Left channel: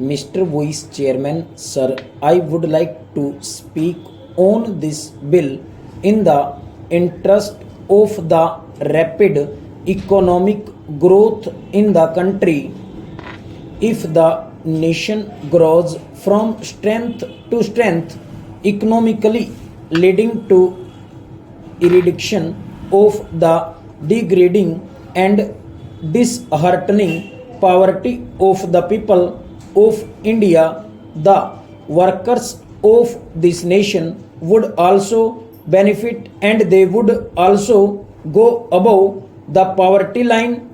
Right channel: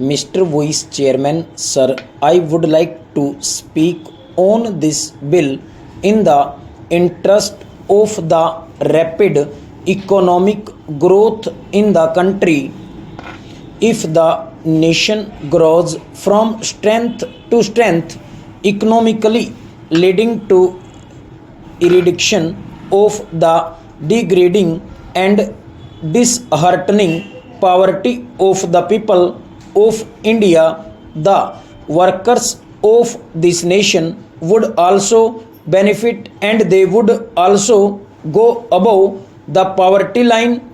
Mr. Vice Chairman, sir, I would like to speak on this bill in the interest of the rapid economic growth in the country. If the nation grows from strength to strength economically, leading to eradication of the degrading and disheartening poverty of the people of India, the workers of this nation would also benefit and they would also go above the poverty line.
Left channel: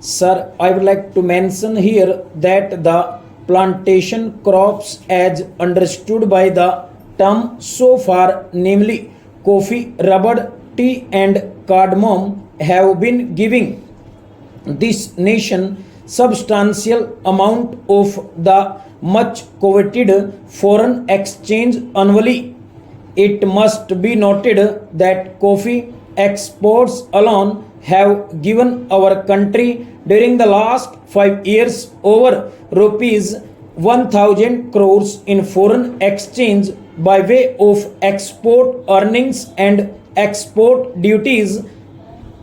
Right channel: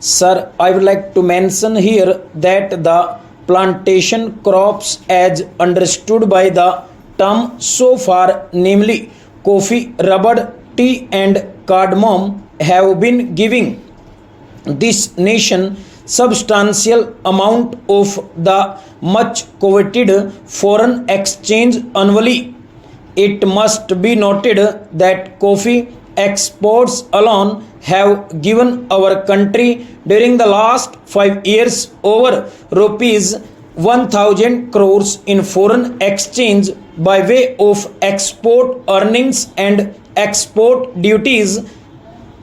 Sir, I would like to mention here that the plantation crops, as understood by the term so far, namely coffee, rubber, tea, and cardamom, have been giving this nation substantial amount of the much coveted foreign exchange annually. It must be noted that coffee exports alone have given our country during the last 5 years over rupees 1000 crores in foreign exchange by way of export earnings and export duties.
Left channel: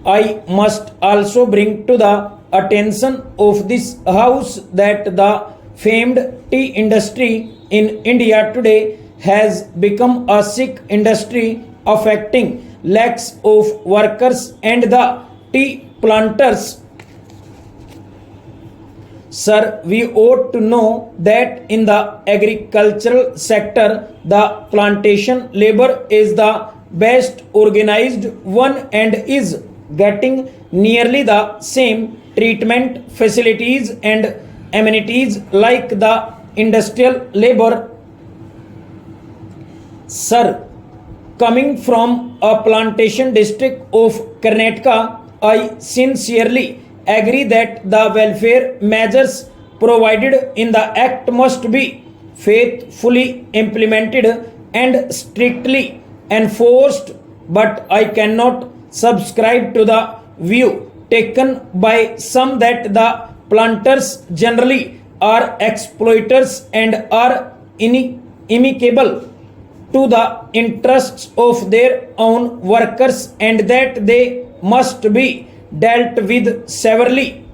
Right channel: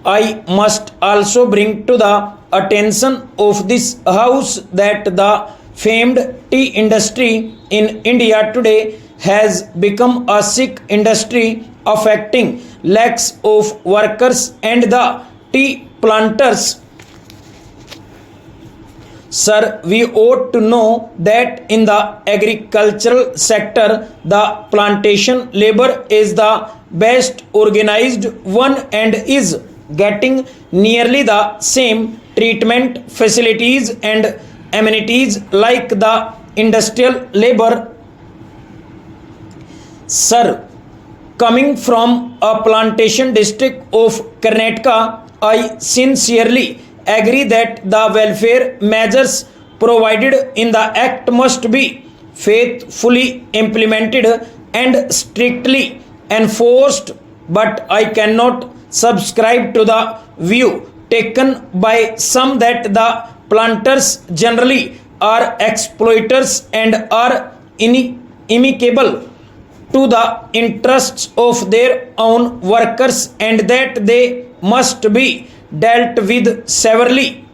I must also bring to the attention of this house that the famed tea industry in India today has become a sick industry affecting lakhs of workers and the tea planters. Sir, we ought to know that in the agricultural sector, the plantation labor is the best organized one and is getting nearly the same treatment, facilities, and amenities like the industrial labor. Sir, coming from a plantation district of Karnataka, I sincerely agree that the welfare measures provided in the Act must be faithfully implemented and strictly enforced, but I cannot subscribe to the view taken by some that the planters generally are exploiters and are inimical to the interests of their own workers and that they must be dealt with severely.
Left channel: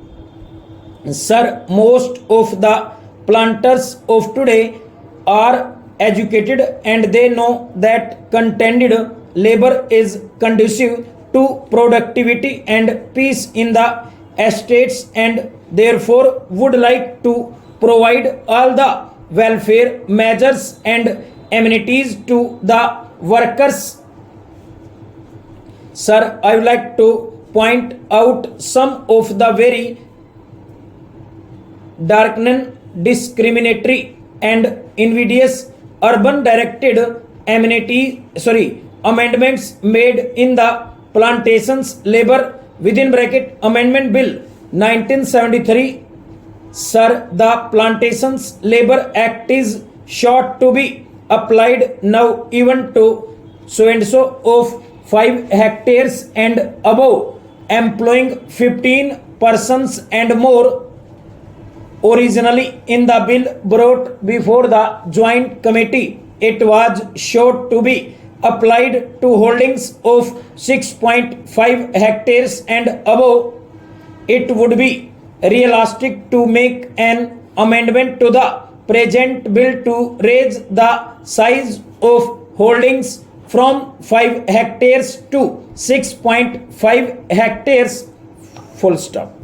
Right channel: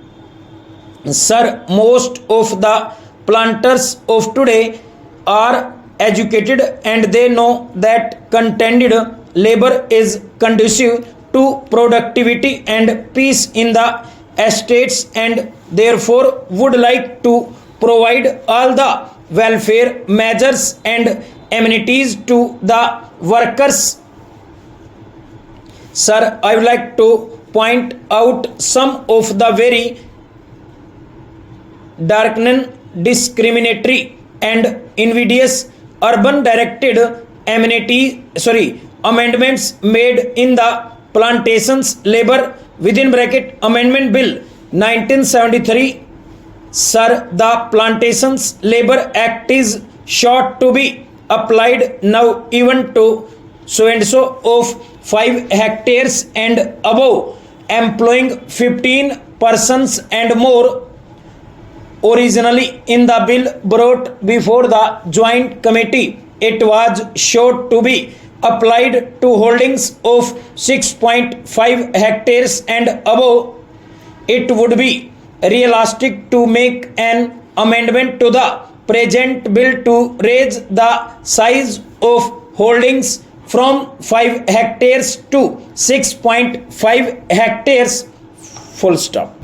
Sir, most of the planters of today are educated and they know that contented labor is conducive to productivity and peace in the estates and therefore would like to provide all the welfare measures and amenities to the workers. Sir, I would like to point out some of the very darkening, discriminatory, and invidious urban directed amendments made in the plantations labor within bracket amendment bill 1973. Sir, the plantations labor act is short to be applied now even to so and so of 5 hectares and above, employing 15 persons and more. Originally in the bill brought before the joint committee, it was short to be applied to holdings of 6.5 hectares and above. It would be realistic to make an amendment to the present bill to raise the size of holdings from 5 hectares to 6.5 hectares. Full stop.